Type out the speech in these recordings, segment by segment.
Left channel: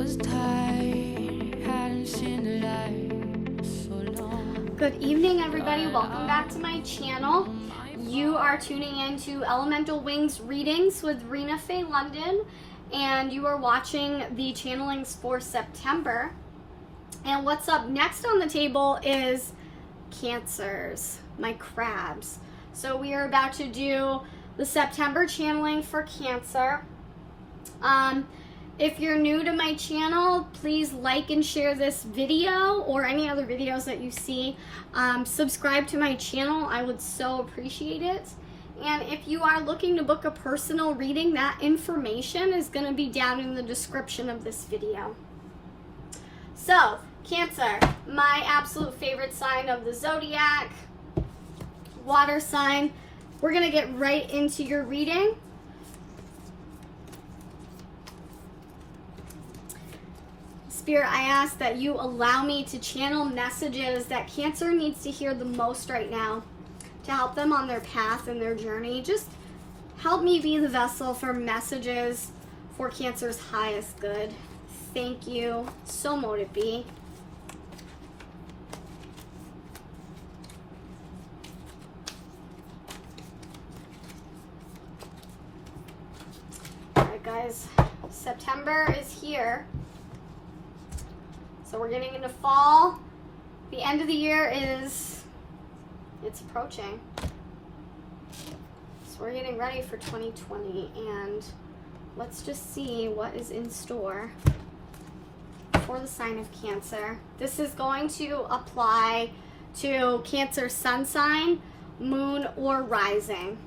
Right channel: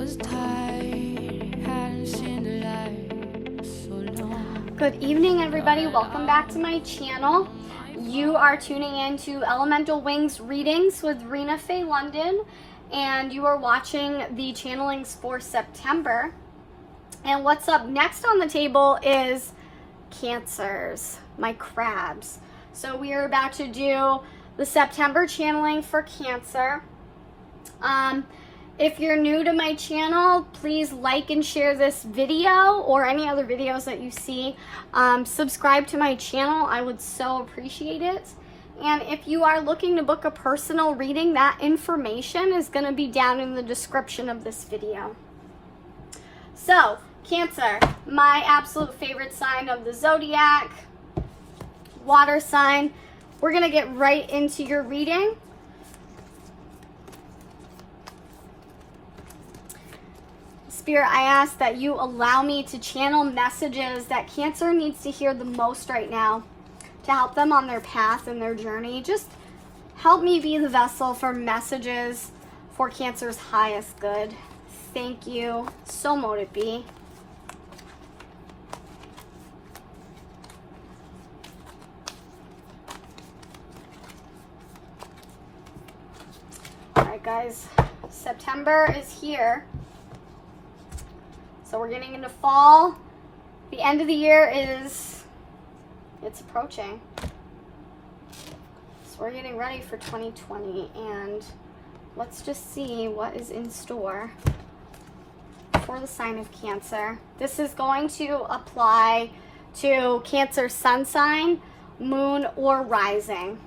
was tired, hadn't seen the light so long. Good evening, everybody. Welcome back to my channel. You are tuning in to Elemental Wings readings with Rina-fay London, and you are watching the channelings for September. And what's up next on the table is Cancers, my crabs. So we are about to do the September channeling for Cancer. If you're new to my channel, please like and share this video or any other videos that you see. Subscribe to my channel. I would so appreciate it. And if you are looking to book a personal reading, that information is going to be down in the description of this video. So, Cancer, my absolute favorite sign of the zodiac, water sign. We're going to get right into your reading. Spirit, I ask that you allow me to channel messages that Cancer needs to hear the most right now to help them on their path and their journey. Just help me be the vessel for messages for Cancer's highest good. Thank you. So mote it be. All right, guys. September is here. So we're getting into fall. The end of the year it's approaching. So we're getting ready for 2020, and let's just see what is in store for the sign of Cancer. This is going to apply to Cancer sun sign, moon, or rising.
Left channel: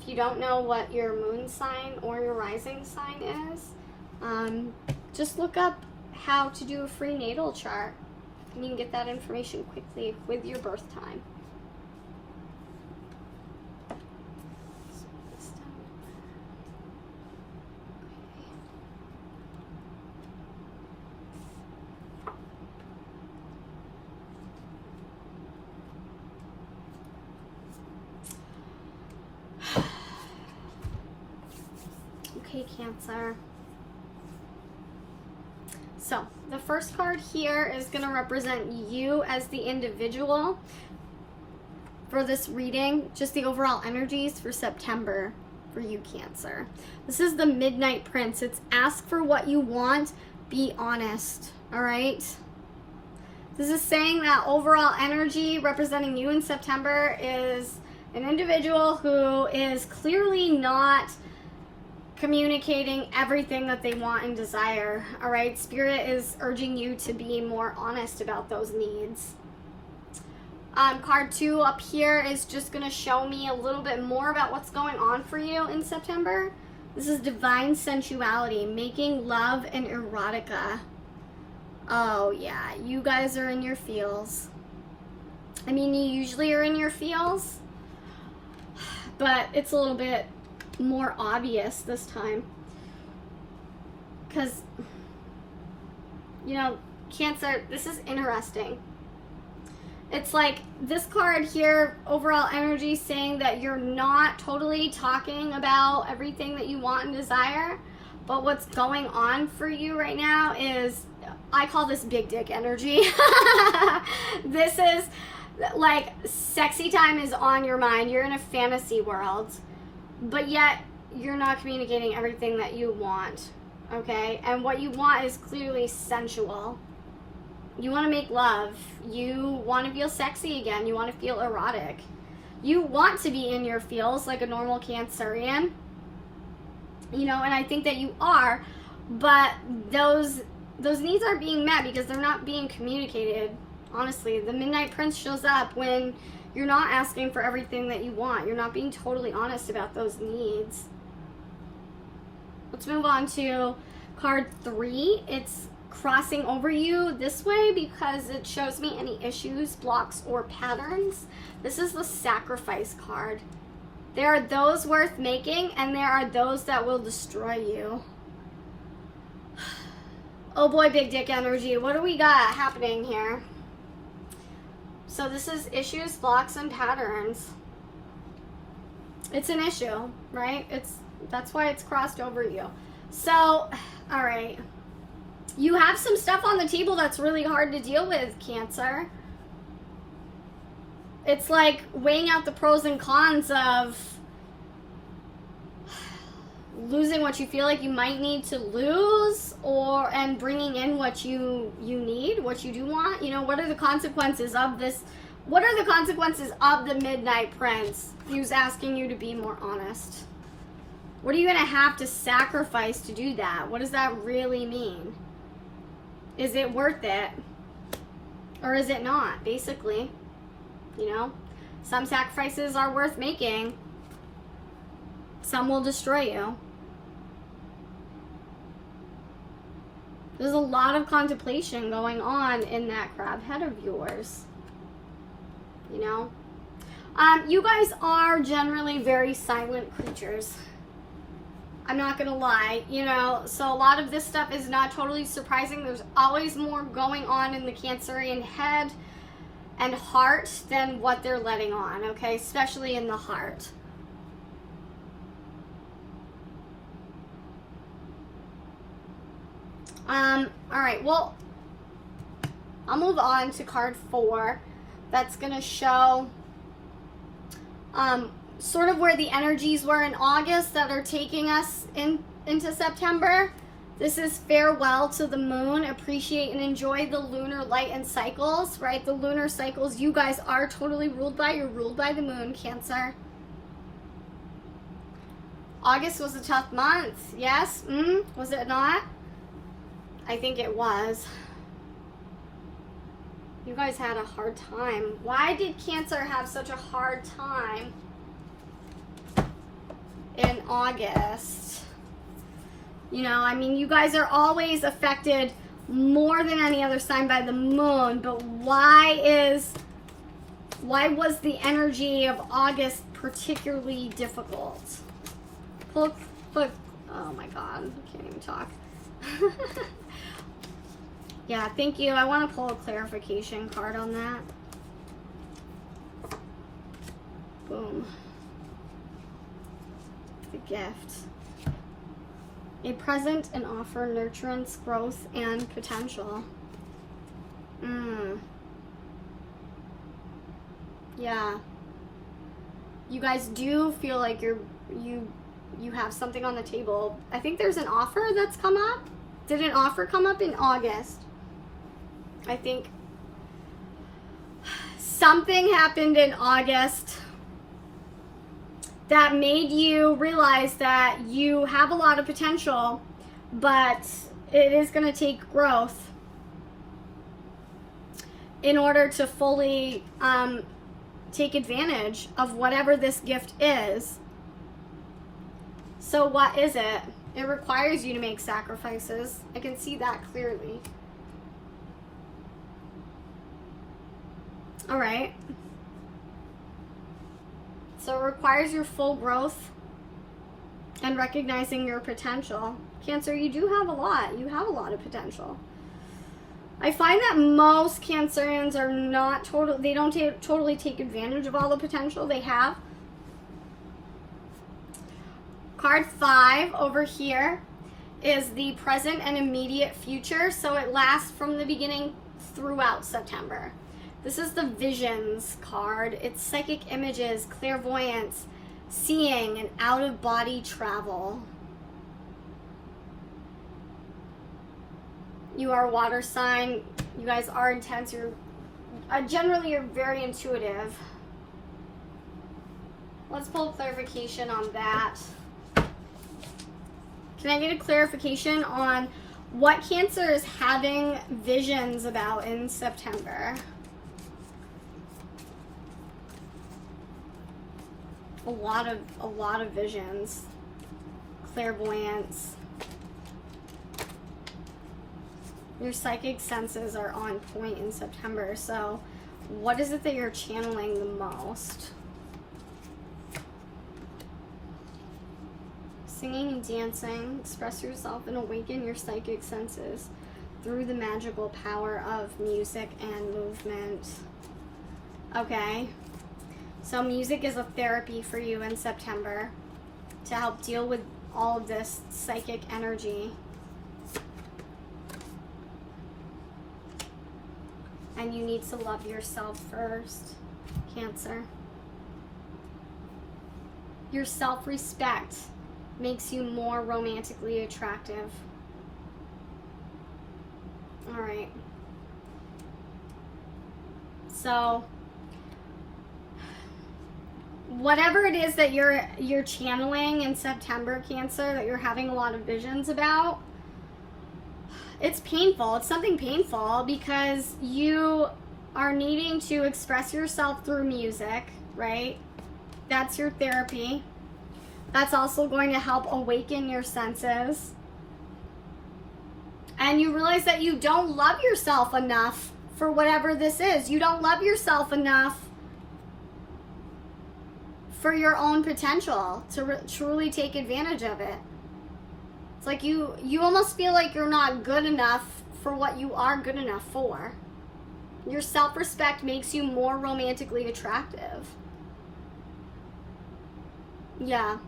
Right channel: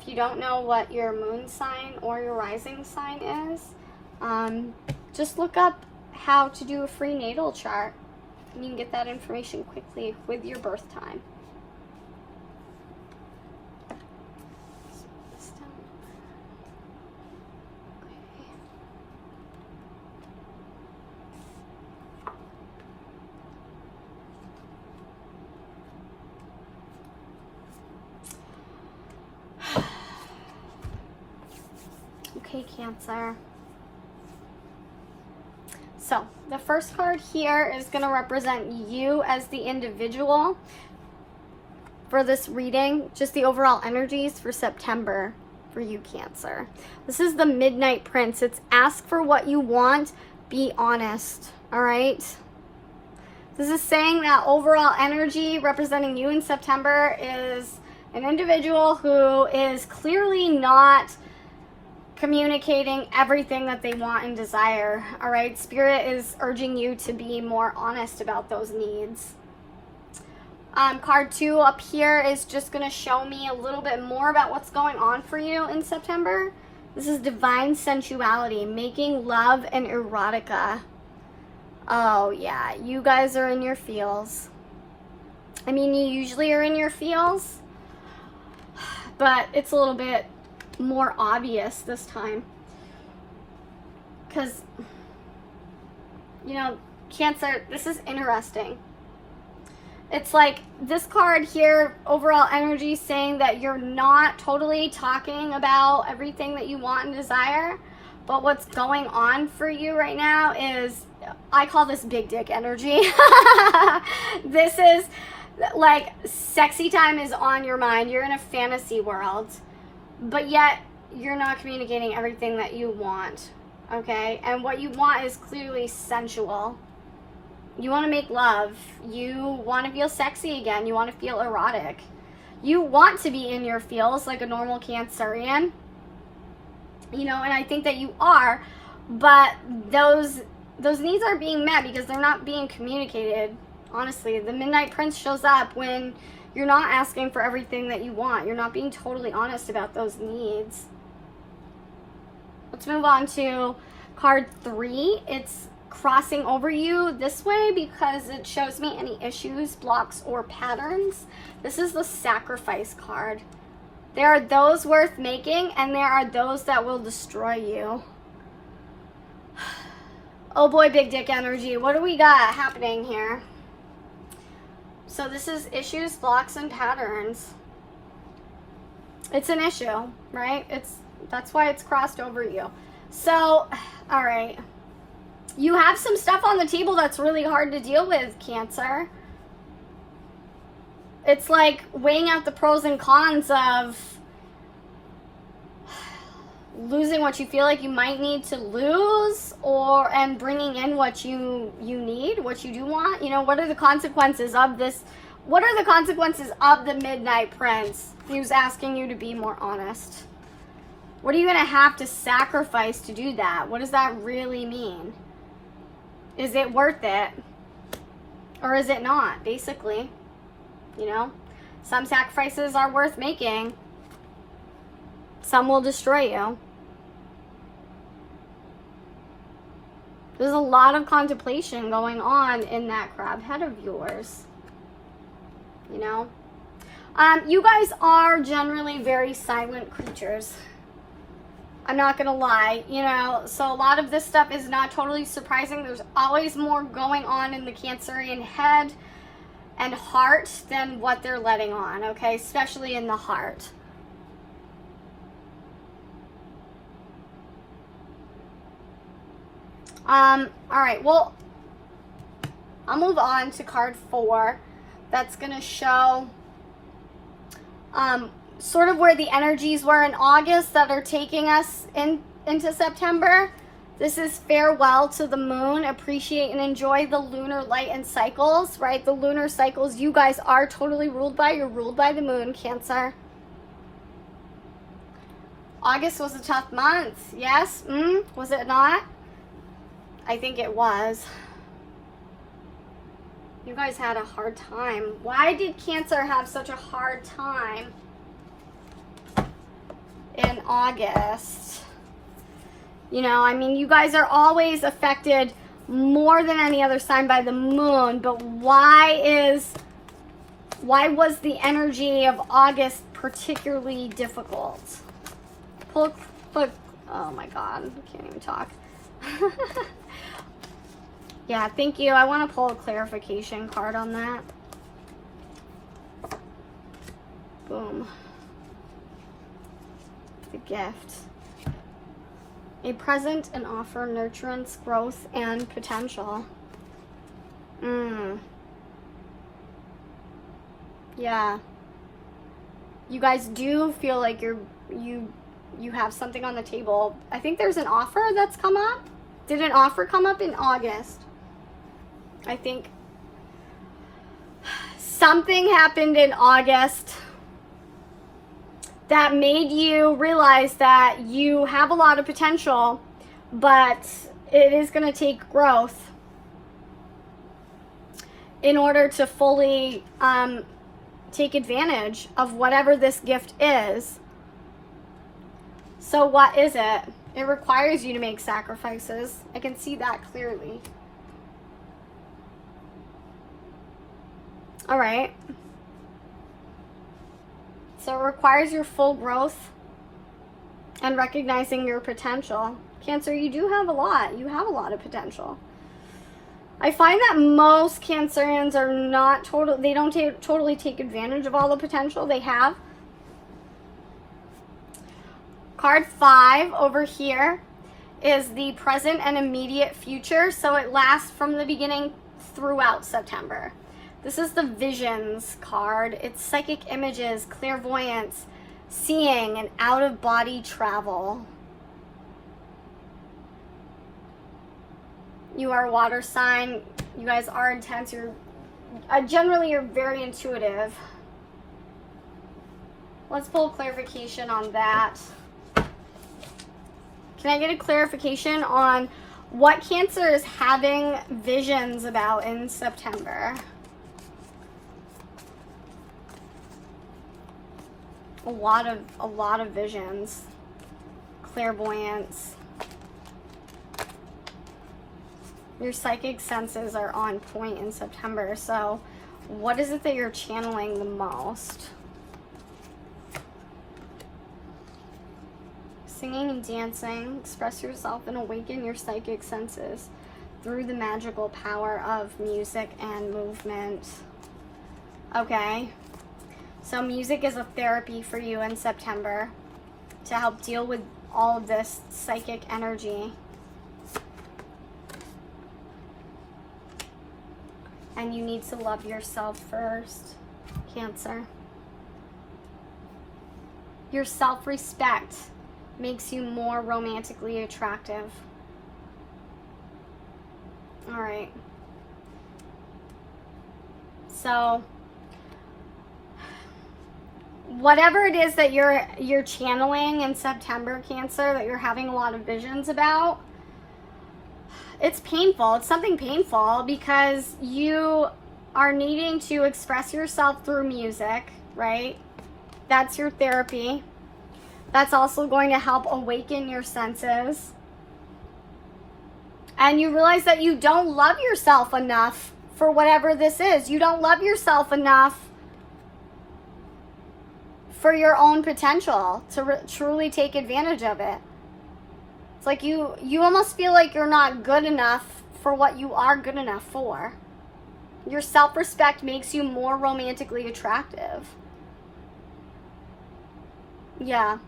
If you don't know what your moon sign or your rising sign is, just look up how to do a free natal chart, and you can get that information quickly with your birth time. Okay, Cancer. So, the first card here is going to represent you as the individual for this reading, just the overall energies for September for you, Cancer. This is the Midnight Prince. It's ask for what you want, be honest, all right? This is saying that overall energy representing you in September is an individual who is clearly not communicating everything that they want and desire. All right, Spirit is urging you to be more honest about those needs. Card 2 up here is just going to show me a little bit more about what's going on for you in September. This is divine sensuality, making love and erotica. Oh yeah, you guys are in your feels. I mean, you usually are in your feels, but it's a little bit more obvious this time, because, you know, Cancer, this is interesting. It's like this card here, overall energy, saying that you're not totally talking about everything that you want and desire, but what's going on for you right now is, I call this big dick energy. This is like sexy time is on your mind. You're in a fantasy world, but yet you're not communicating everything that you want, okay? And what you want is clearly sensual. You want to make love. You want to feel sexy again. You want to feel erotic. You want to be in your feels like a normal Cancerian, you know, and I think that you are, but those needs aren't being met because they're not being communicated. Honestly, the Midnight Prince shows up when you're not asking for everything that you want. You're not being totally honest about those needs. Let's move on to card 3. It's crossing over you this way because it shows me any issues, blocks, or patterns. This is the Sacrifice card. There are those worth making, and there are those that will destroy you. Oh boy, big dick energy. What do we got happening here? So this is issues, blocks, and patterns. It's an issue, right? It's That's why it's crossed over you. So, all right. You have some stuff on the table that's really hard to deal with, Cancer. It's like weighing out the pros and cons of losing what you feel like you might need to lose, and bringing in what you need, what you do want. You know, what are the consequences of this? What are the consequences of the Midnight Prince? He was asking you to be more honest. What are you going to have to sacrifice to do that? What does that really mean? Is it worth it? Or is it not, basically? You know? Some sacrifices are worth making. Some will destroy you. There's a lot of contemplation going on in that crab head of yours. You know? You guys are generally very silent creatures. I'm not gonna lie, you know, so a lot of this stuff is not totally surprising. There's always more going on in the Cancerian head and heart than what they're letting on, okay? Especially in the heart. All right, well, I'll move on to card 4. That's gonna show sort of where the energies were in August that are taking us into September. This is farewell to the moon. Appreciate and enjoy the lunar light and cycles, right? The lunar cycles you guys are totally ruled by. You're ruled by the moon, Cancer. August was a tough month. Yes? Was it not? I think it was. You guys had a hard time. Why did Cancer have such a hard time in August? You know, I mean, you guys are always affected more than any other sign by the moon, but why was the energy of August particularly difficult? Oh my God, I can't even talk. Yeah, thank you. I want to pull a clarification card on that. Boom. The gift. A present and offer nurturance, growth, and potential. Yeah. You guys do feel like you have something on the table. I think there's an offer that's come up. Did an offer come up in August? I think something happened in August that made you realize that you have a lot of potential, but it is going to take growth in order to fully take advantage of whatever this gift is. So what is it? It requires you to make sacrifices. I can see that clearly. All right. So it requires your full growth and recognizing your potential. Cancer, you do have a lot. You have a lot of potential. I find that most Cancerians are not they don't totally take advantage of all the potential they have. Card 5 over here is the present and immediate future. So it lasts from the beginning throughout September. This is the visions card. It's psychic images, clairvoyance, seeing, and out-of-body travel. You are a water sign. You guys are intense. Generally, you're very intuitive. Let's pull clarification on that. Can I get a clarification on what Cancer is having visions about in September? A lot of visions, clairvoyance. Your psychic senses are on point in September. So what is it that you're channeling the most? Singing and dancing. Express yourself and awaken your psychic senses through the magical power of music and movement. Okay. So music is a therapy for you in September. to help deal with all of this psychic energy. And you need to love yourself first, Cancer. Your self-respect makes you more romantically attractive. All right. So, whatever it is that you're channeling in September, Cancer, that you're having a lot of visions about, it's painful. It's something painful because you are needing to express yourself through music, right? That's your therapy. That's also going to help awaken your senses. And you realize that you don't love yourself enough for whatever this is. You don't love yourself enough for your own potential to truly take advantage of it. It's like you almost feel like you're not good enough for what you are good enough for. Your self-respect makes you more romantically attractive. Yeah.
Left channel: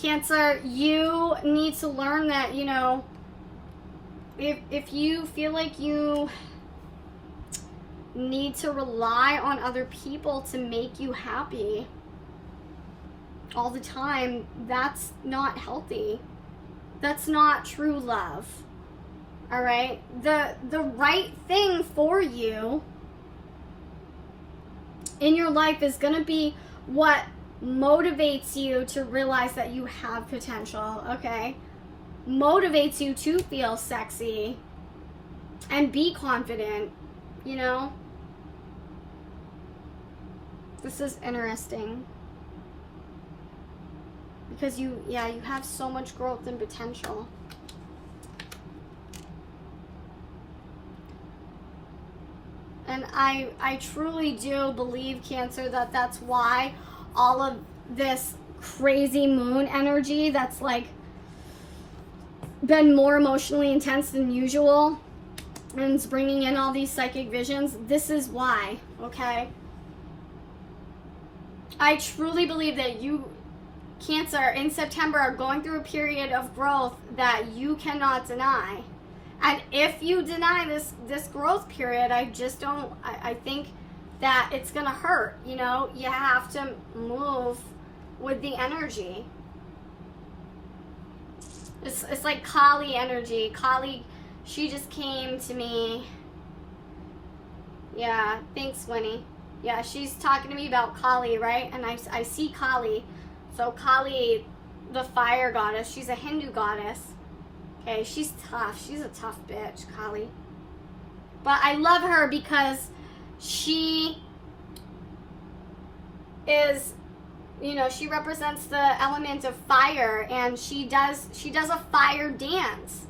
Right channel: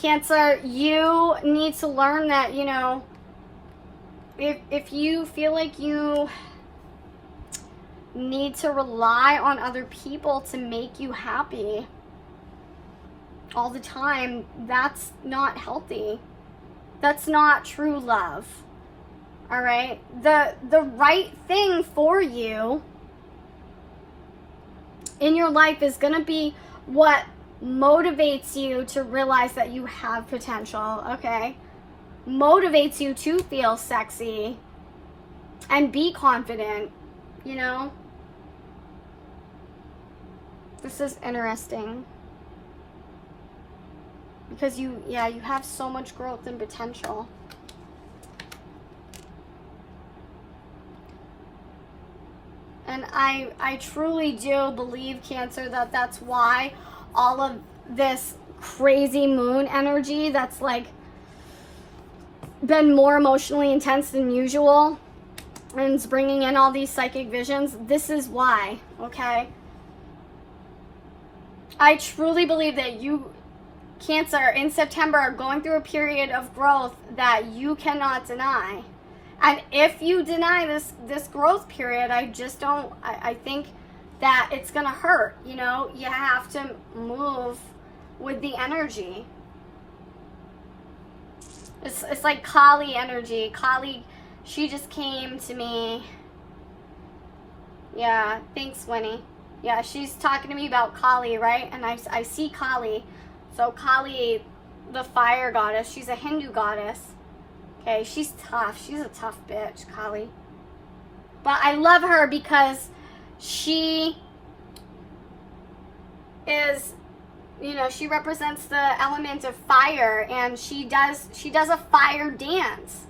Cancer, you need to learn that, you know, if you feel like you need to rely on other people to make you happy all the time, that's not healthy. That's not true love. All right? The right thing for you in your life is going to be what motivates you to realize that you have potential, okay? Motivates you to feel sexy and be confident, you know? This is interesting. Because you have so much growth and potential. And I truly do believe, Cancer, that that's why all of this crazy moon energy that's like been more emotionally intense than usual and it's bringing in all these psychic visions, this is why, okay? I truly believe that you, Cancer, in September are going through a period of growth that you cannot deny. And if you deny this growth period, I think that it's going to hurt, you know? You have to move with the energy. It's like Kali energy. Kali, she just came to me. Yeah, thanks, Winnie. Yeah, she's talking to me about Kali, right? And I see Kali. So Kali, the fire goddess, she's a Hindu goddess. Okay, she's tough. She's a tough bitch, Kali. But I love her because she is, you know, she represents the element of fire, and she does a fire dance.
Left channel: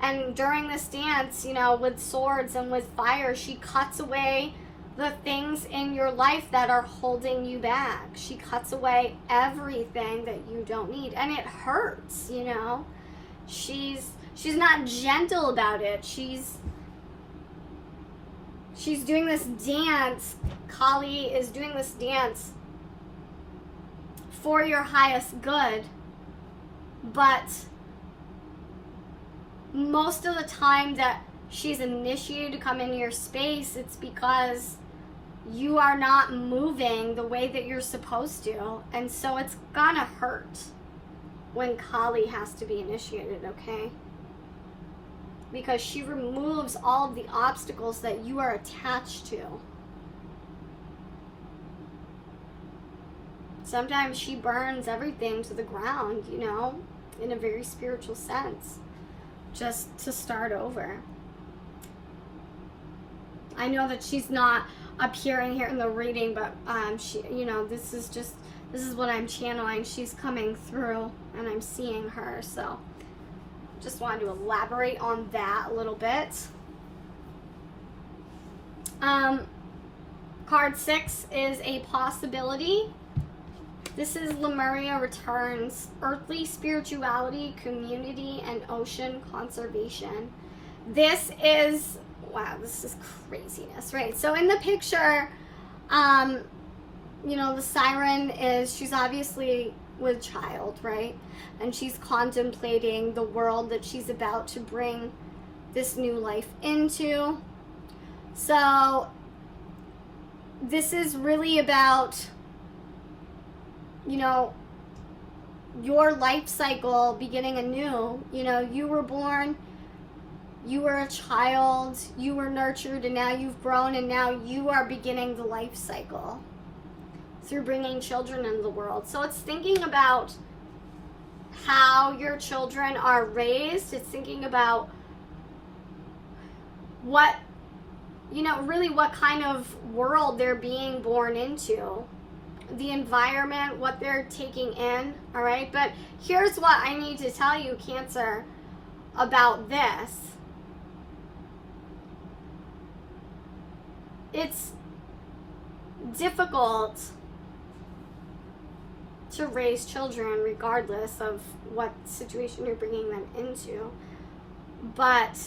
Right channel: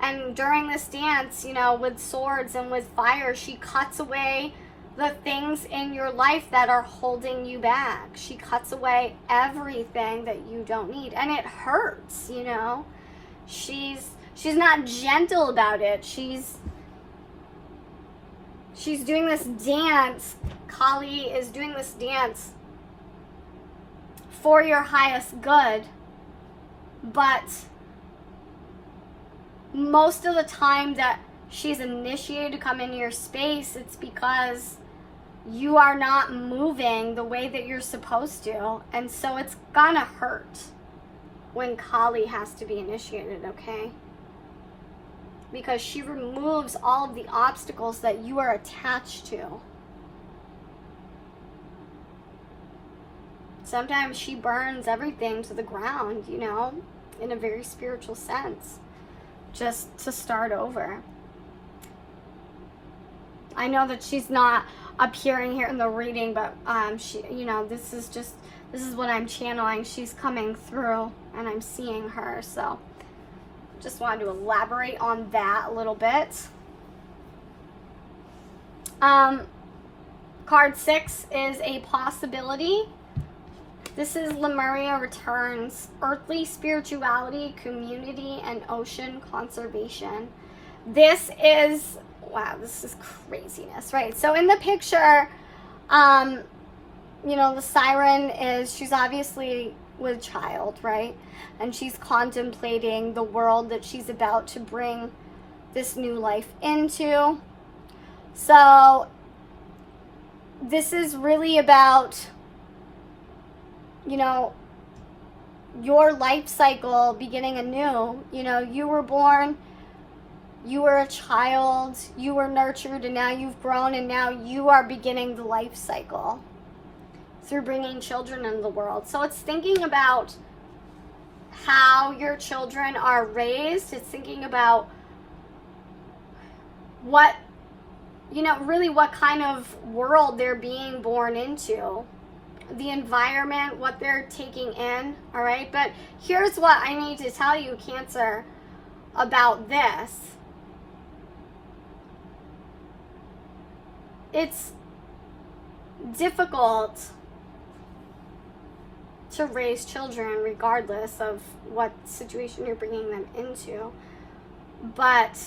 And during this dance, you know, with swords and with fire, she cuts away the things in your life that are holding you back. She cuts away everything that you don't need, and it hurts, you know. She's not gentle about it. She's doing this dance. Kali is doing this dance for your highest good, but most of the time that she's initiated to come into your space, it's because you are not moving the way that you're supposed to, and so it's gonna hurt when Kali has to be initiated, okay? Because she removes all of the obstacles that you are attached to. Sometimes she burns everything to the ground, you know, in a very spiritual sense, just to start over. I know that she's not appearing here in the reading, but she, you know, this is what I'm channeling. She's coming through and I'm seeing her, so just wanted to elaborate on that a little bit. Card 6 is a possibility. This is Lemuria Returns, Earthly Spirituality, Community, and Ocean Conservation. This is, wow, this is craziness, right? So in the picture, you know, the siren she's obviously with child, right? And she's contemplating the world that she's about to bring this new life into. So this is really about, you know, your life cycle beginning anew. You know, you were born, you were a child, you were nurtured, and now you've grown, and now you are beginning the life cycle through bringing children into the world. So it's thinking about how your children are raised. It's thinking about what, you know, really what kind of world they're being born into, the environment, what they're taking in, all right? But here's what I need to tell you, Cancer, about this. It's difficult to raise children regardless of what situation you're bringing them into. But,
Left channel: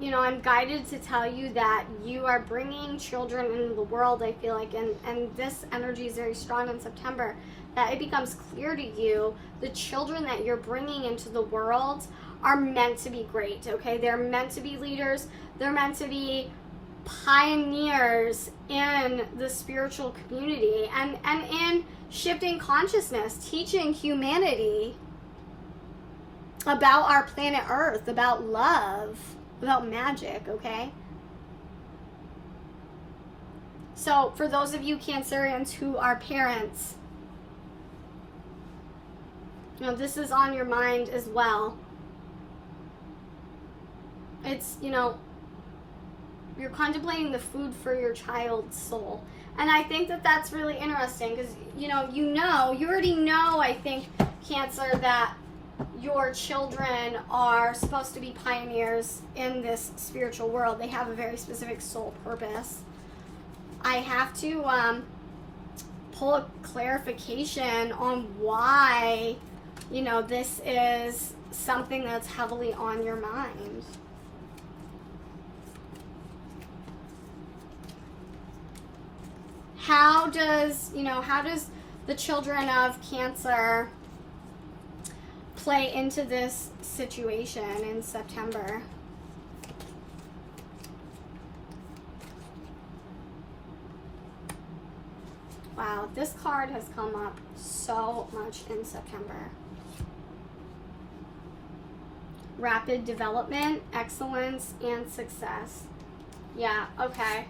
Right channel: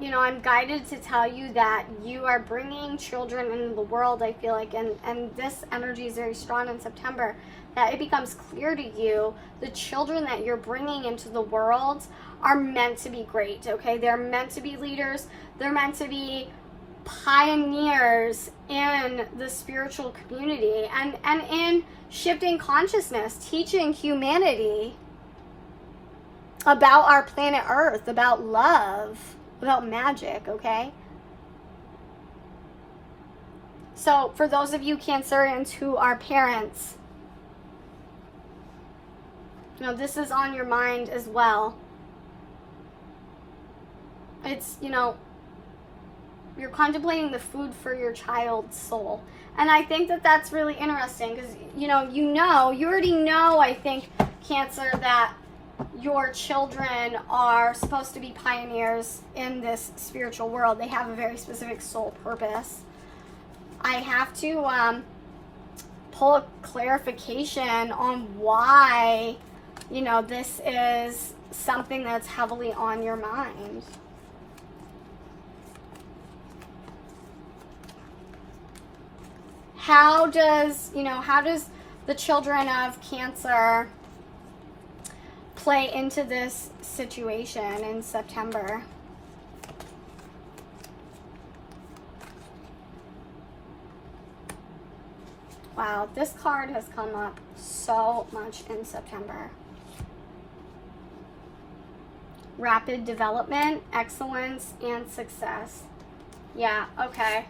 you know, I'm guided to tell you that you are bringing children into the world, I feel like, and this energy is very strong in September, that it becomes clear to you the children that you're bringing into the world are meant to be great, okay? They're meant to be leaders. They're meant to be pioneers in the spiritual community and in shifting consciousness, teaching humanity about our planet Earth, about love, about magic, okay? So for those of you Cancerians who are parents, you know, this is on your mind as well. It's, you know, you're contemplating the food for your child's soul. And I think that that's really interesting because, you already know, I think, Cancer, that your children are supposed to be pioneers in this spiritual world. They have a very specific soul purpose. I have to pull a clarification on why, you know, this is something that's heavily on your mind. How does the children of Cancer play into this situation in September? Wow, this card has come up so much in September. Rapid development, excellence, and success. Yeah, okay.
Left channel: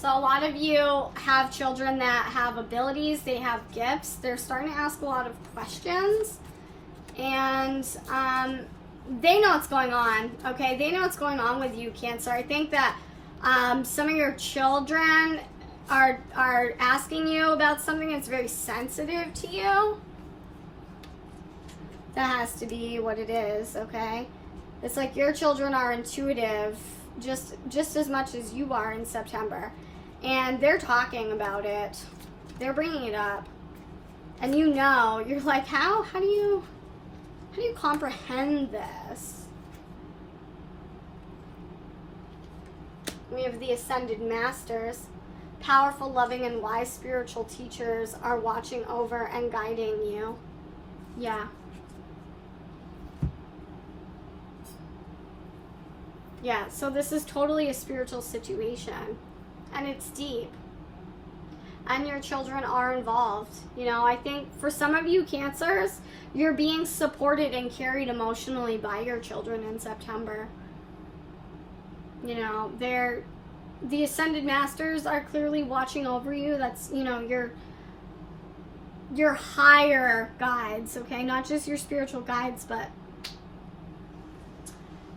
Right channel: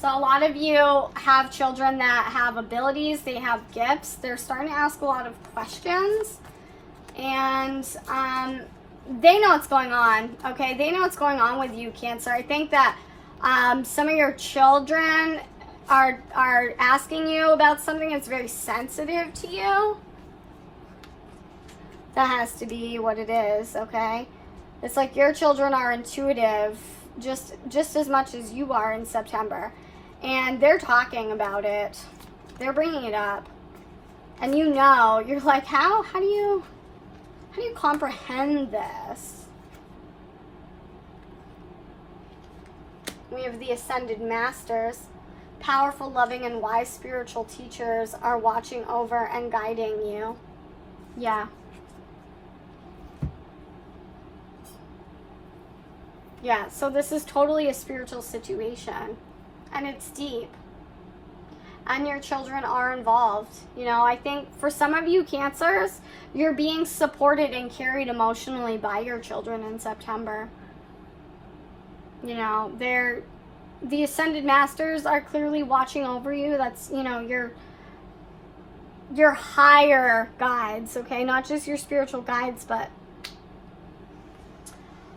So a lot of you have children that have abilities, they have gifts, they're starting to ask a lot of questions, and they know what's going on, okay? They know what's going on with you, Cancer. I think that some of your children are asking you about something that's very sensitive to you. That has to be what it is, okay? It's like your children are intuitive just as much as you are in September. And they're talking about it. They're bringing it up. And you know, you're like, how do you comprehend this? We have the Ascended Masters. Powerful, loving, and wise spiritual teachers are watching over and guiding you. Yeah. Yeah, so this is totally a spiritual situation. And it's deep. And your children are involved. You know, I think for some of you Cancers, you're being supported and carried emotionally by your children in September. You know, the Ascended Masters are clearly watching over you. That's, you know, your higher guides, okay? Not just your spiritual guides, but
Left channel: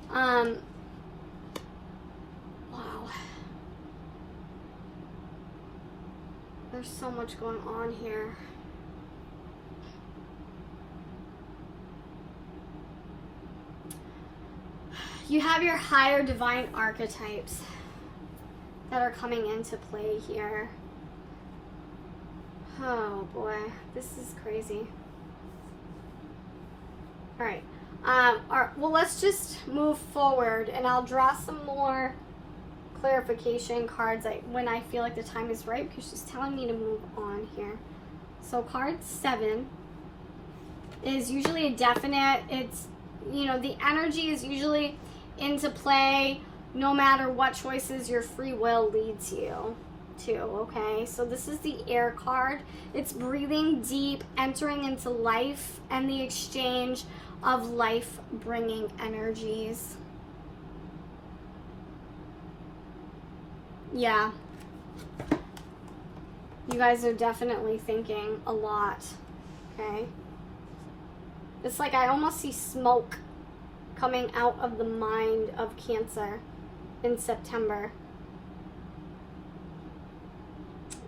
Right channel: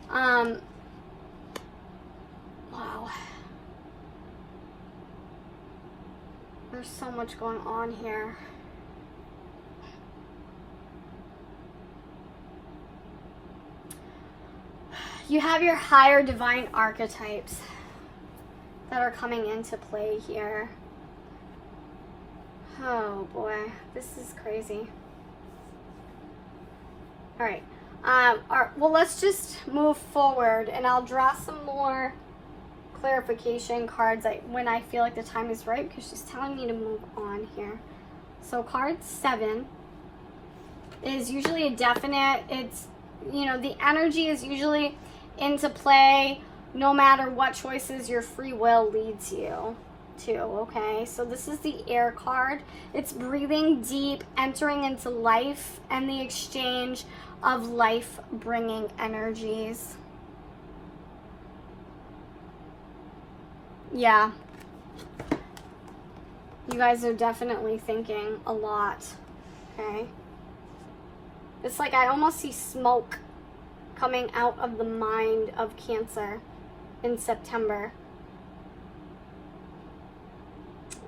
wow. There's so much going on here. You have your higher divine archetypes that are coming into play here. Oh boy, this is crazy. All right. Well, let's just move forward, and I'll draw some more clarification cards when I feel like the time is right, because she's telling me to move on here. So card 7 is usually a definite. It's, you know, the energy is usually into play no matter what choices your free will leads you to, okay? So this is the air card. It's breathing deep, entering into life, and the exchange of life-bringing energies. Yeah. You guys are definitely thinking a lot, okay? It's like I almost see smoke coming out of the mind of Cancer in September.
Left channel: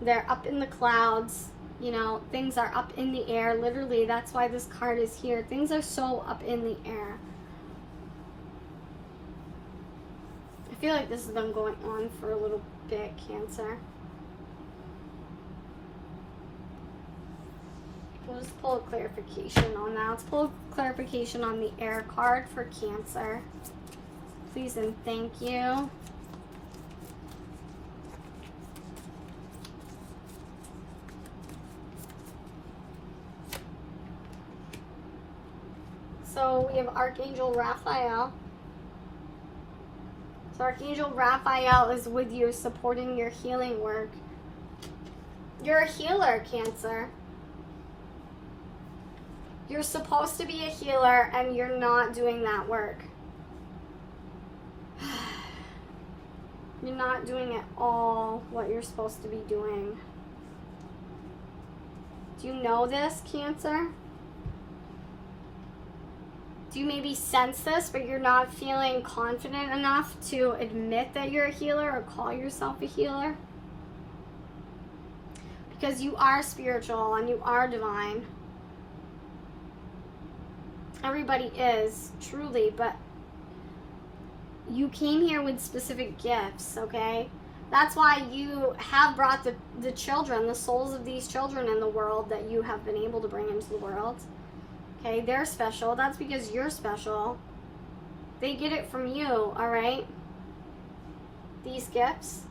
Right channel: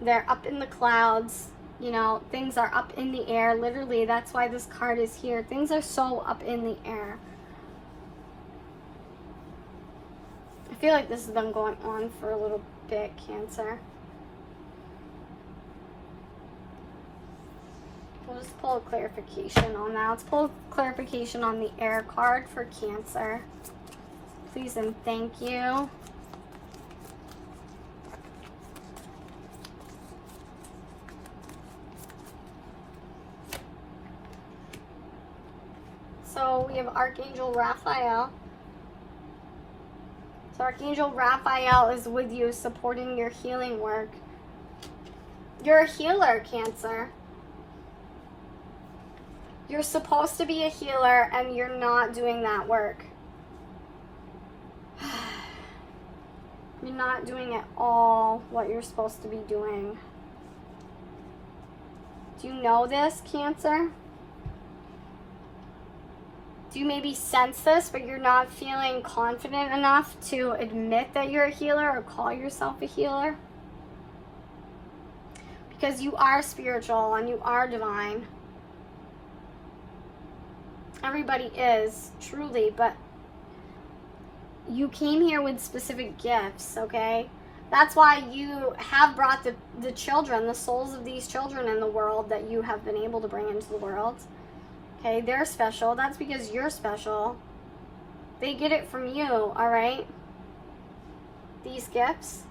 They're up in the clouds, you know, things are up in the air. Literally, that's why this card is here. Things are so up in the air. I feel like this has been going on for a little bit, Cancer. We'll just pull a clarification on that. Let's pull a clarification on the air card for Cancer. Please and thank you. So we have Archangel Raphael. So Archangel Raphael is with you, supporting your healing work. You're a healer, Cancer. You're supposed to be a healer and you're not doing that work. You're not doing it all what you're supposed to be doing. Do you know this, Cancer? Do you maybe sense this, but you're not feeling confident enough to admit that you're a healer or call yourself a healer? Because you are spiritual and you are divine. Everybody is, truly, but you came here with specific gifts, okay? That's why you have brought the children, the souls of these children in the world that you have been able to bring into the world. Okay, they're special. That's because you're special. They get it from you, all right? These gifts.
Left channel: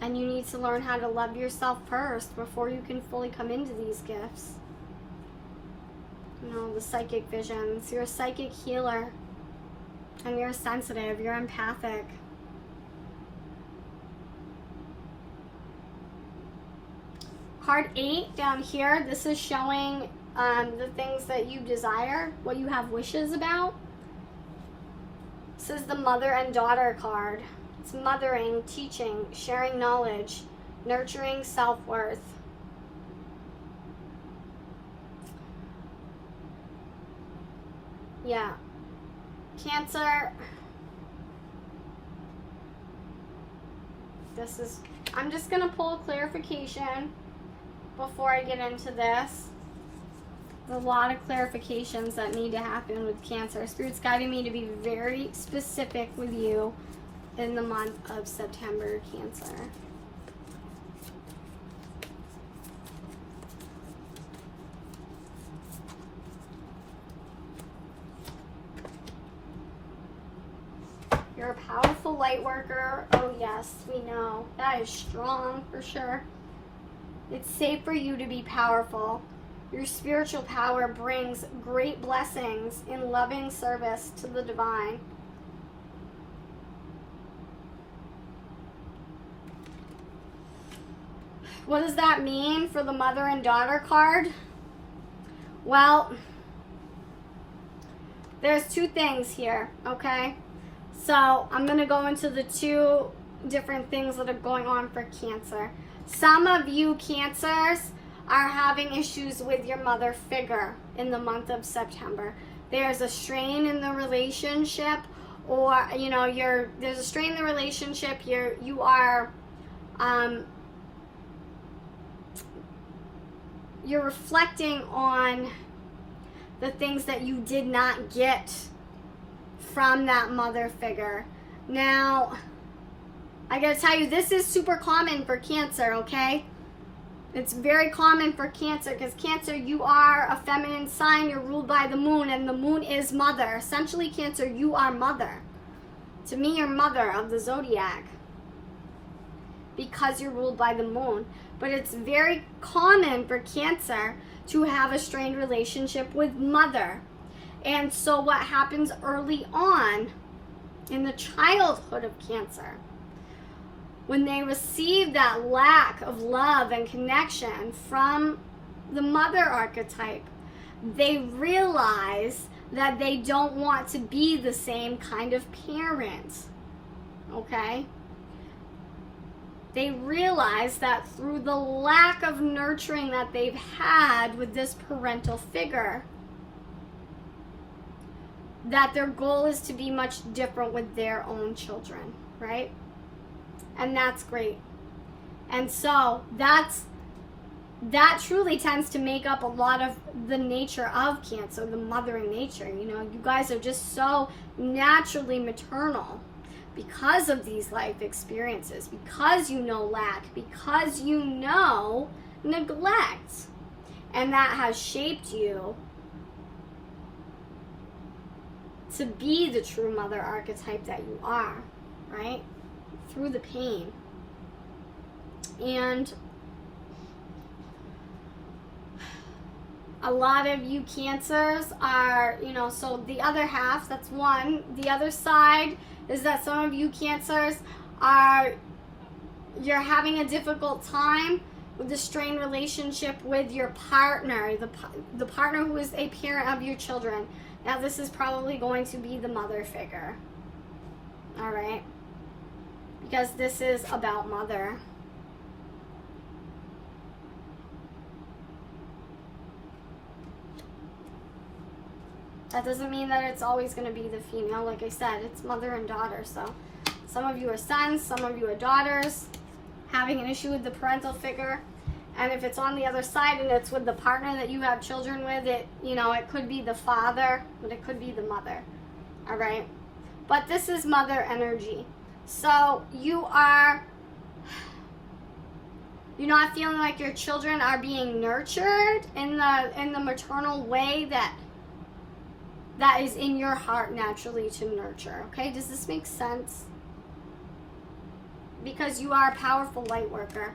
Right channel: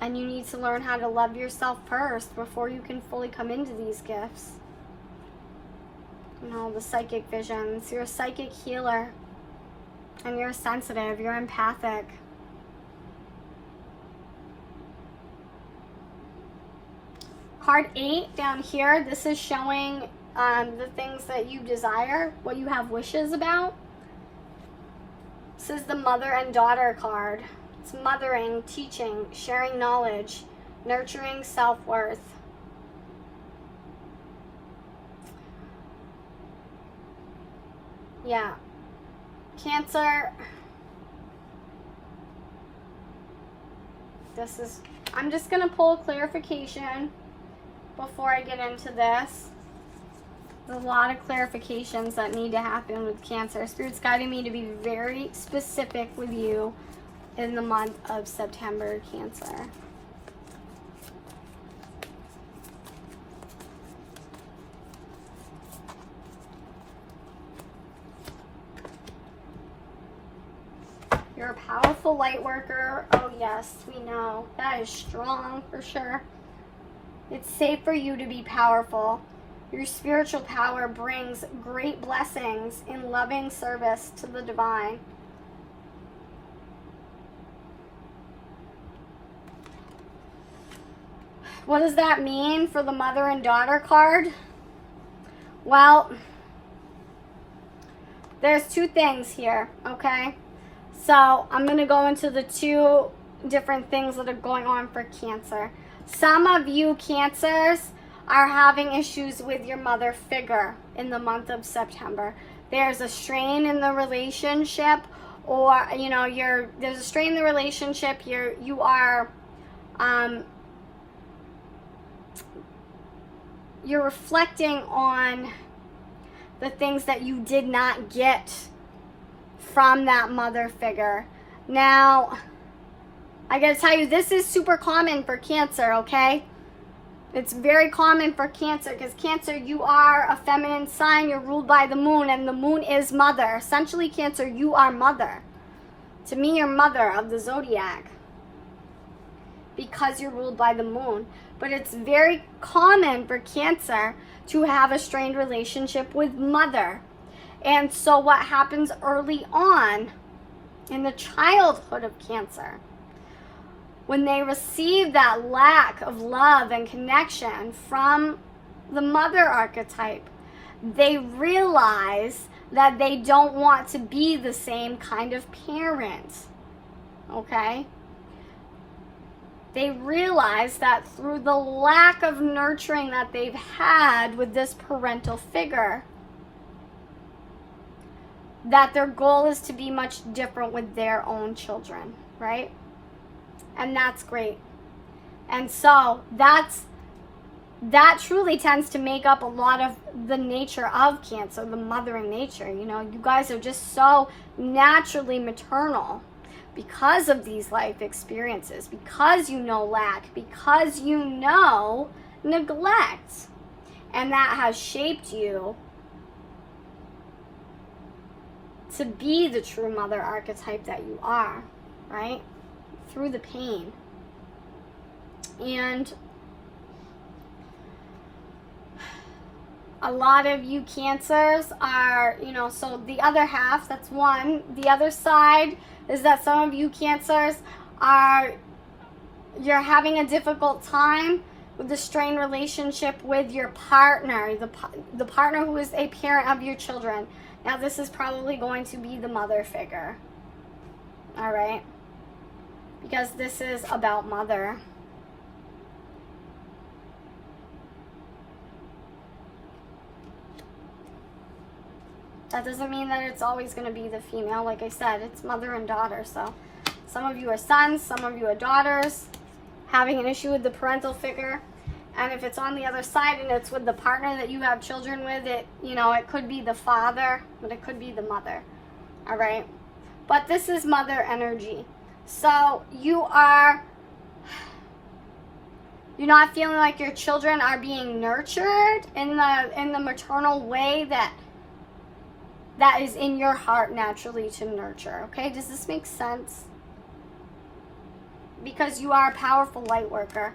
And you need to learn how to love yourself first before you can fully come into these gifts. You know, the psychic visions. You're a psychic healer. And you're sensitive. You're empathic. Card 8 down here, this is showing the things that you desire, what you have wishes about. This is the mother and daughter card. It's mothering, teaching, sharing knowledge, nurturing self-worth. Yeah. Cancer. I'm just going to pull a clarification before I get into this. There's a lot of clarifications that need to happen with Cancer. Spirit's guiding me to be very specific with you in the month of September, Cancer. You're a powerful light worker. Oh yes, we know. That is strong for sure. It's safe for you to be powerful. Your spiritual power brings great blessings in loving service to the divine. What does that mean for the mother and daughter card? Well, there's two things here, okay? So I'm going to go into the two different things that are going on for Cancer. Some of you Cancers are having issues with your mother figure in the month of September. There's a strain in the relationship, or you know, there's a strain in the relationship. You are you're reflecting on the things that you did not get from that mother figure. Now, I gotta tell you, this is super common for Cancer, okay? It's very common for Cancer because Cancer, you are a feminine sign. You're ruled by the moon, and the moon is mother. Essentially, Cancer, you are mother. To me, your mother of the zodiac, because you're ruled by the moon. But it's very common for Cancer to have a strained relationship with mother. And so what happens early on in the childhood of Cancer, when they receive that lack of love and connection from the mother archetype, they realize that they don't want to be the same kind of parent. Okay? They realize that through the lack of nurturing that they've had with this parental figure, that their goal is to be much different with their own children, right? And that's great. And so that truly tends to make up a lot of the nature of Cancer, the mothering nature. You know, you guys are just so naturally maternal because of these life experiences, because you know lack, because you know neglect. And that has shaped you to be the true mother archetype that you are, right? Through the pain. And a lot of you Cancers are, you know, so the other half, that's one. The other side is that some of you Cancers you're having a difficult time with the strained relationship with your partner, the partner who is a parent of your children. Now this is probably going to be the mother figure, all right? Because this is about mother. That doesn't mean that it's always going to be the female. Like I said, it's mother and daughter. So some of you are sons, some of you are daughters, having an issue with the parental figure. And if it's on the other side and it's with the partner that you have children with, it could be the father, but it could be the mother. All right? But this is mother energy. So you're not feeling like your children are being nurtured in the maternal way that is in your heart naturally to nurture. Okay? Does this make sense? Because you are a powerful light worker.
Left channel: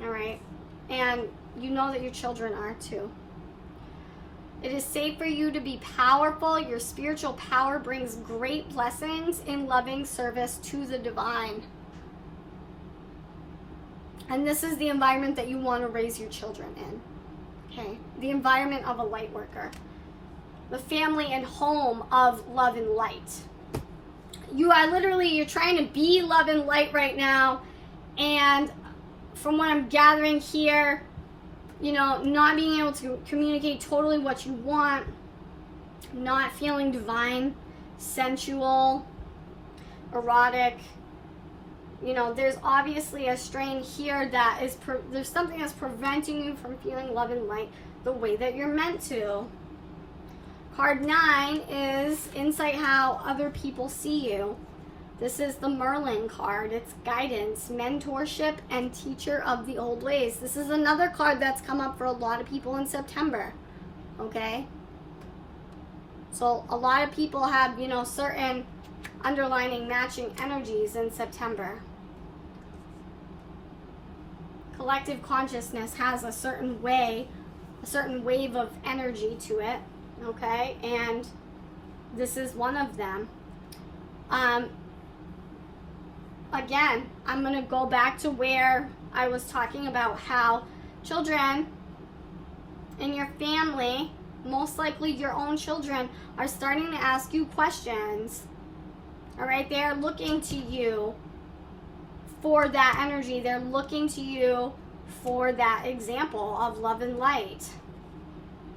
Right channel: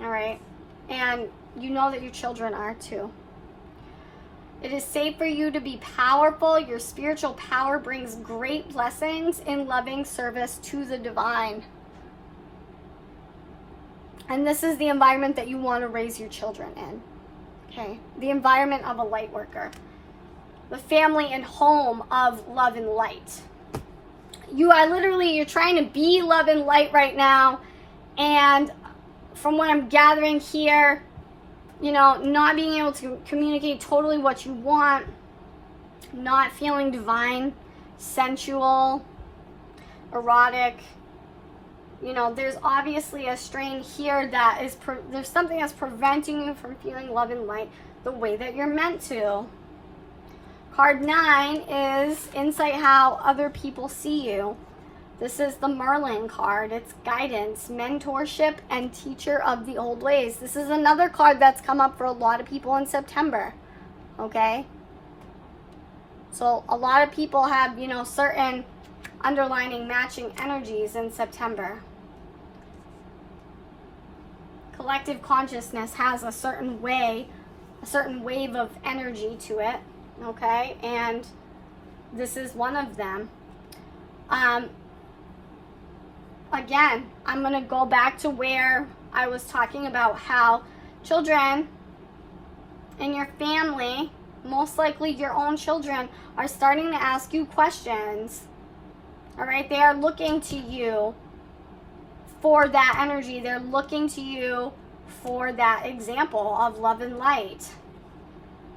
All right? And you know that your children are too. It is safe for you to be powerful. Your spiritual power brings great blessings in loving service to the divine. And this is the environment that you want to raise your children in. Okay? The environment of a light worker. The family and home of love and light. You're trying to be love and light right now. And from what I'm gathering here, not being able to communicate totally what you want, not feeling divine, sensual, erotic. There's obviously a strain here that is, there's something that's preventing you from feeling love and light the way that you're meant to. Card 9 is insight how other people see you. This is the Merlin card. It's guidance, mentorship, and teacher of the old ways. This is another card that's come up for a lot of people in September. Okay? So a lot of people have, certain underlining matching energies in September. Collective consciousness has a certain wave of energy to it. Okay? And this is one of them. Again, I'm going to go back to where I was talking about how children in your family, most likely your own children, are starting to ask you questions. All right? They are looking to you for that energy. They're looking to you for that example of love and light.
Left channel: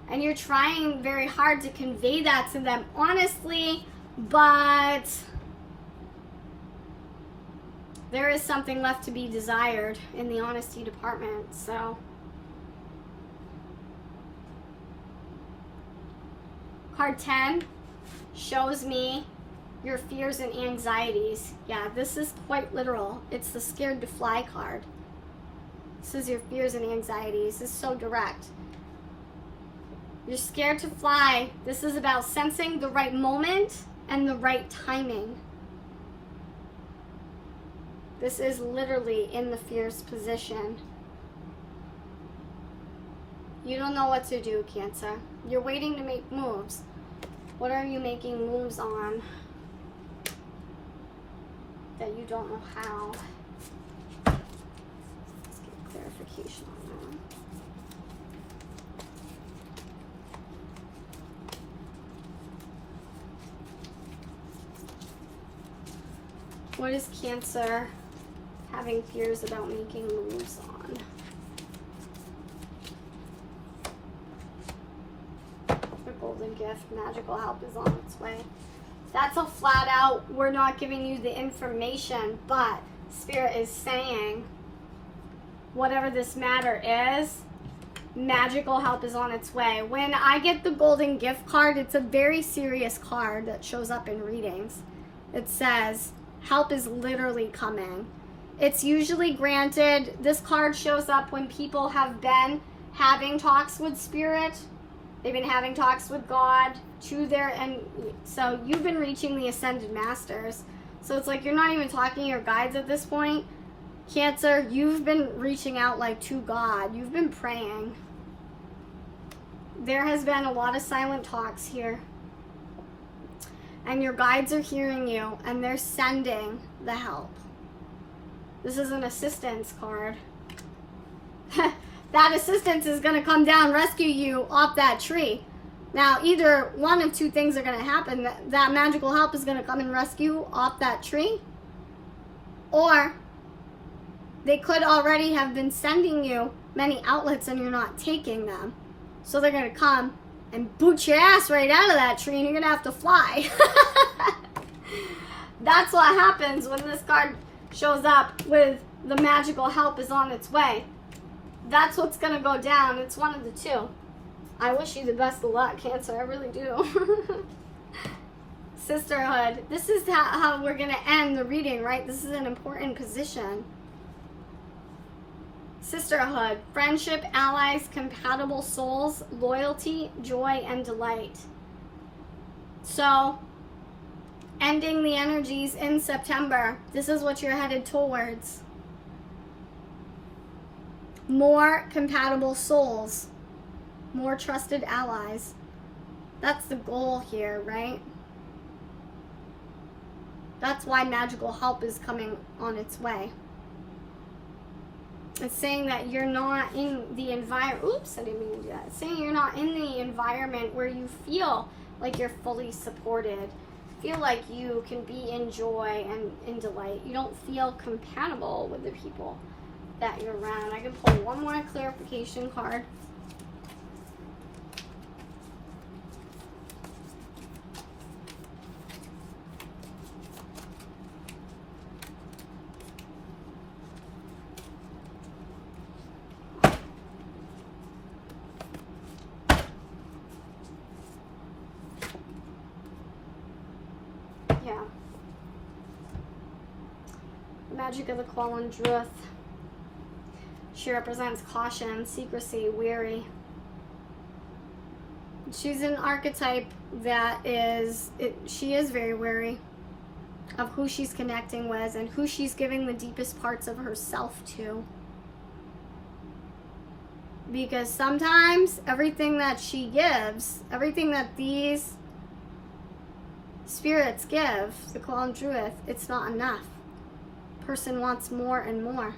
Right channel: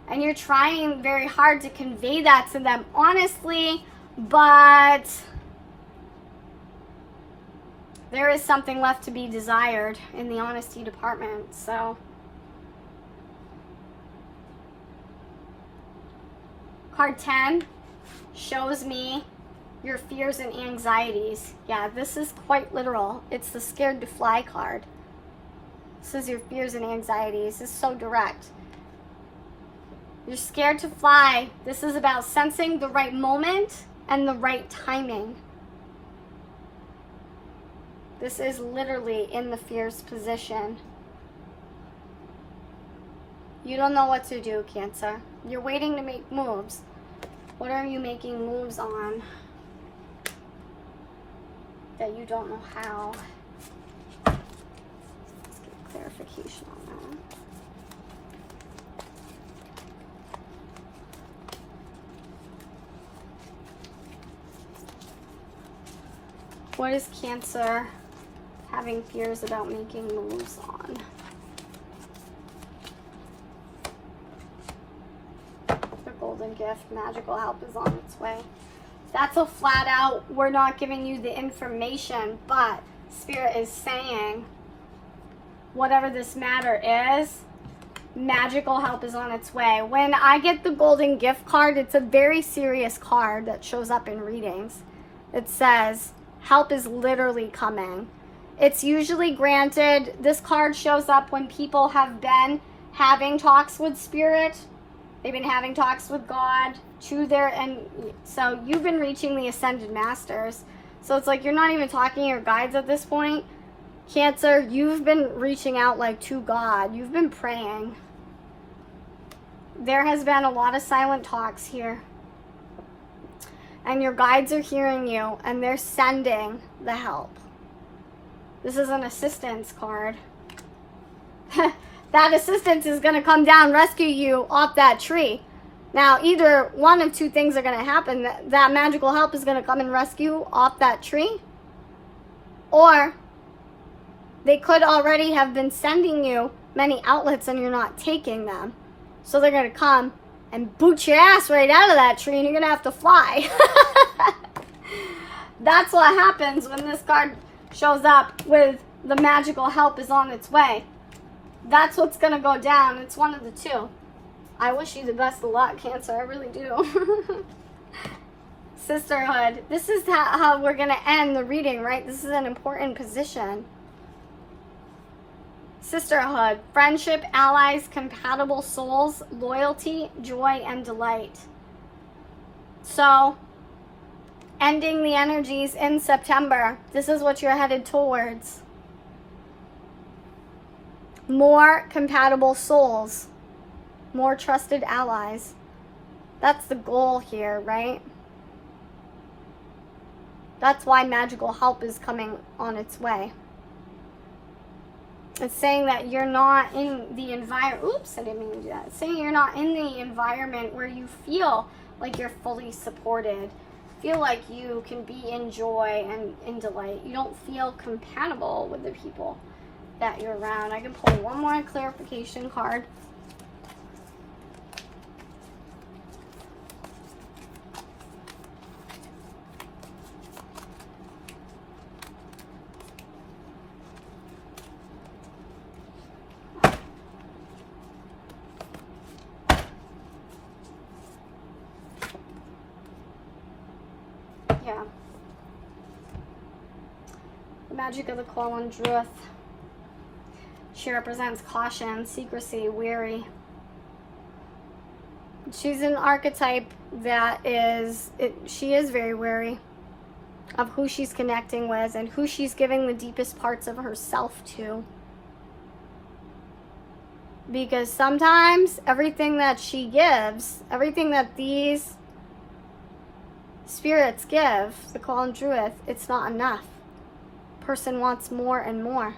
And you're trying very hard to convey that to them honestly, but there is something left to be desired in the honesty department. So card 10 shows me your fears and anxieties. Yeah, this is quite literal. It's the scared to fly card. This is your fears and anxieties. It's so direct. You're scared to fly. This is about sensing the right moment and the right timing. This is literally in the fierce position. You don't know what to do, Cancer. You're waiting to make moves. What are you making moves on that you don't know how? Let's get clarification on that. What is Cancer having fears about making moves on? The golden gift, magical help is on its way. That's a flat out, we're not giving you the information, but Spirit is saying, whatever this matter is, magical help is on its way. When I get the golden gift card, it's a very serious card that shows up in readings. It says, help is literally coming. It's usually granted. This card shows up when people have been having talks with Spirit. They've been having talks with God and so you've been reaching the Ascended Masters. So it's like you're not even talking to your guides at this point. Cancer, you've been reaching out like to God. You've been praying. There has been a lot of silent talks here. And your guides are hearing you, and they're sending the help. This is an assistance card. That assistance is going to come down, rescue you off that tree. Now, either one of two things are going to happen. That magical help is going to come and rescue you off that tree. Or they could already have been sending you many outlets and you're not taking them. So they're going to come and boot your ass right out of that tree and you're going to have to fly. That's what happens when this card shows up with the magical help is on its way. That's what's going to go down. It's one of the two. I wish you the best of luck, Cancer. I really do. Sisterhood. This is how we're going to end the reading, right? This is an important position. Sisterhood. Friendship, allies, compatible souls, loyalty, joy, and delight. So, ending the energies in September. This is what you're headed towards. More compatible souls. More trusted allies. That's the goal here, right? That's why magical help is coming on its way. It's saying that you're not in the environment. Oops, I didn't mean to do that. It's saying you're not in the environment where you feel like you're fully supported. Feel like you can be in joy and in delight. You don't feel compatible with the people that you're around. I can pull one more clarification card. Yeah. The magic of the Quallen Druth. She represents caution, secrecy, wary. She's an archetype that she is very wary of who she's connecting with and who she's giving the deepest parts of herself to. Because sometimes everything that she gives, everything that these spirits give, the Quallen Druth, it's not enough. Person wants more and more.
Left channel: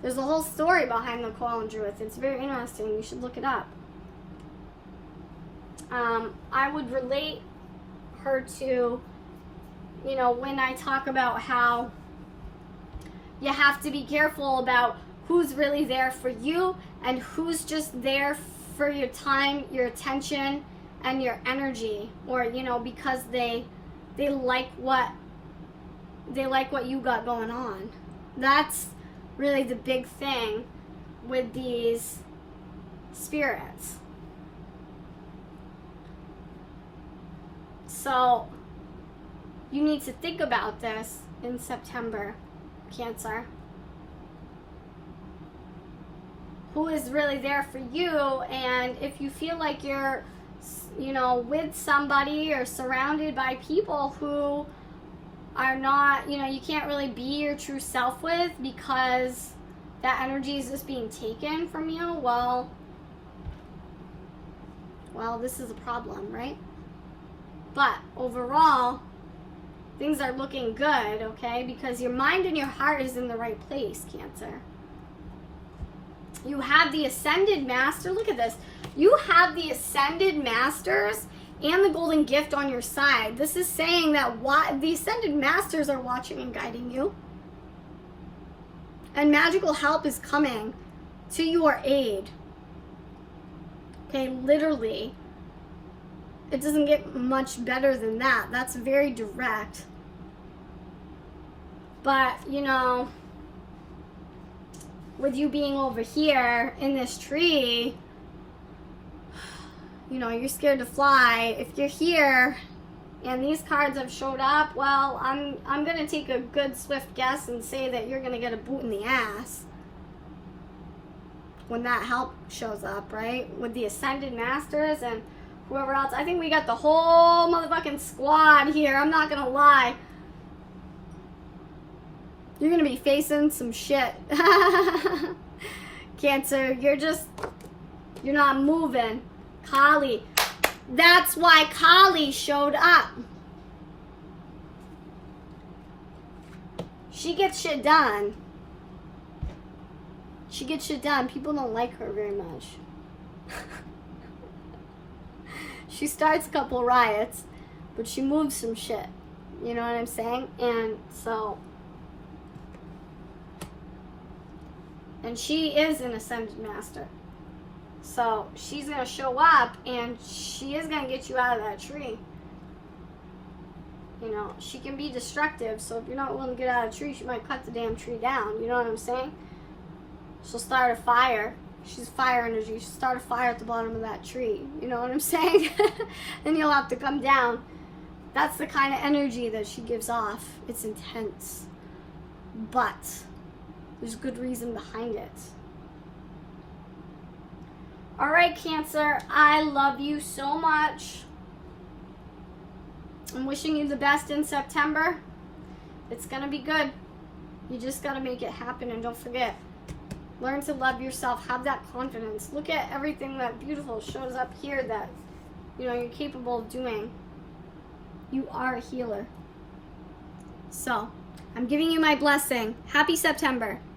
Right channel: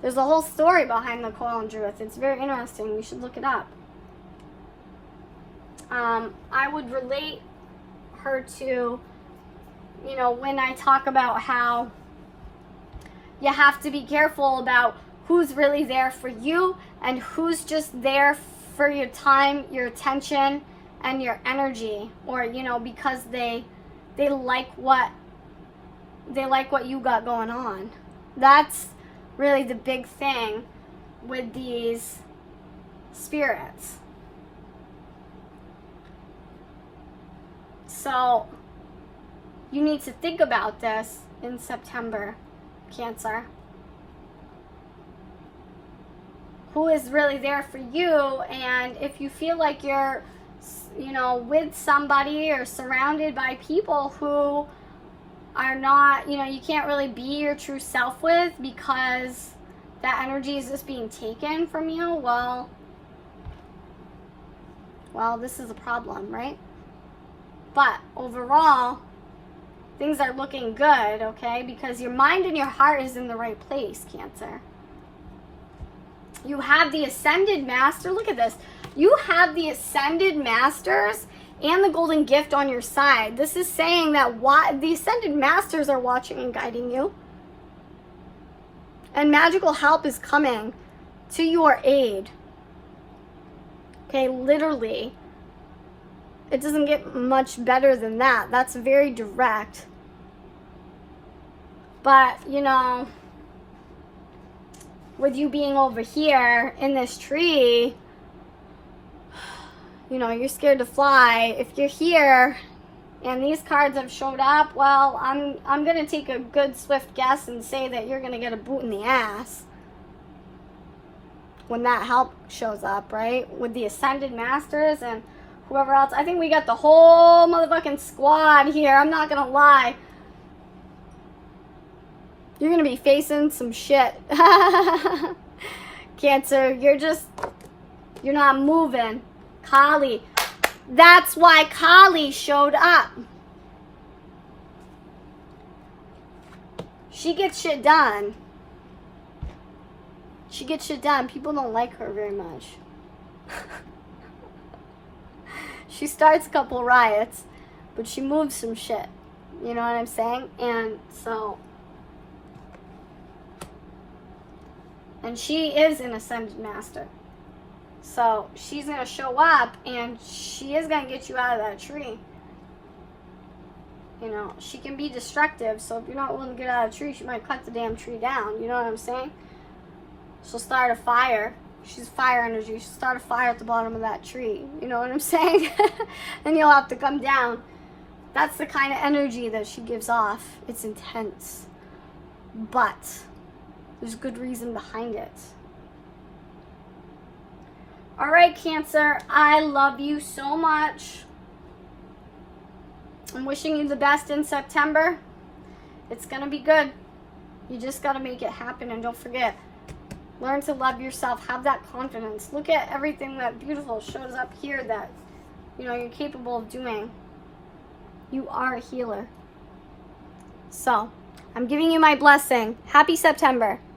There's a whole story behind the Quallen Druth. It's very interesting. You should look it up. I would relate her to, when I talk about how you have to be careful about who's really there for you and who's just there for your time, your attention, and your energy, or because they like what you got going on. That's really the big thing with these spirits. So you need to think about this in September, Cancer. Who is really there for you? And if you feel like you're with somebody or surrounded by people who are not, you can't really be your true self with because that energy is just being taken from you, well, this is a problem, right? But overall, things are looking good, okay? Because your mind and your heart is in the right place, Cancer. You have the Ascended Master. Look at this. You have the Ascended Masters and the Golden Gift on your side. This is saying that the Ascended Masters are watching and guiding you. And magical help is coming to your aid. Okay, literally. It doesn't get much better than that. That's very direct. But, with you being over here in this tree, you're scared to fly. If you're here and these cards have showed up, well, I'm going to take a good swift guess and say that you're going to get a boot in the ass when that help shows up, right? With the Ascended Masters and whoever else. I think we got the whole motherfucking squad here. I'm not going to lie. You're going to be facing some shit. Cancer, you're not moving. Kali. That's why Kali showed up. She gets shit done. She gets shit done. People don't like her very much. She starts a couple riots, but she moves some shit. You know what I'm saying? And she is an Ascended Master. So she's going to show up and she is going to get you out of that tree. She can be destructive. So if you're not willing to get out of the tree, she might cut the damn tree down. You know what I'm saying? She'll start a fire. She's fire energy. She'll start a fire at the bottom of that tree. You know what I'm saying? And you'll have to come down. That's the kind of energy that she gives off. It's intense. But there's good reason behind it. All right, Cancer. I love you so much. I'm wishing you the best in September. It's going to be good. You just got to make it happen. And don't forget, learn to love yourself. Have that confidence. Look at everything that beautiful shows up here that, you're capable of doing. You are a healer. So, I'm giving you my blessing. Happy September.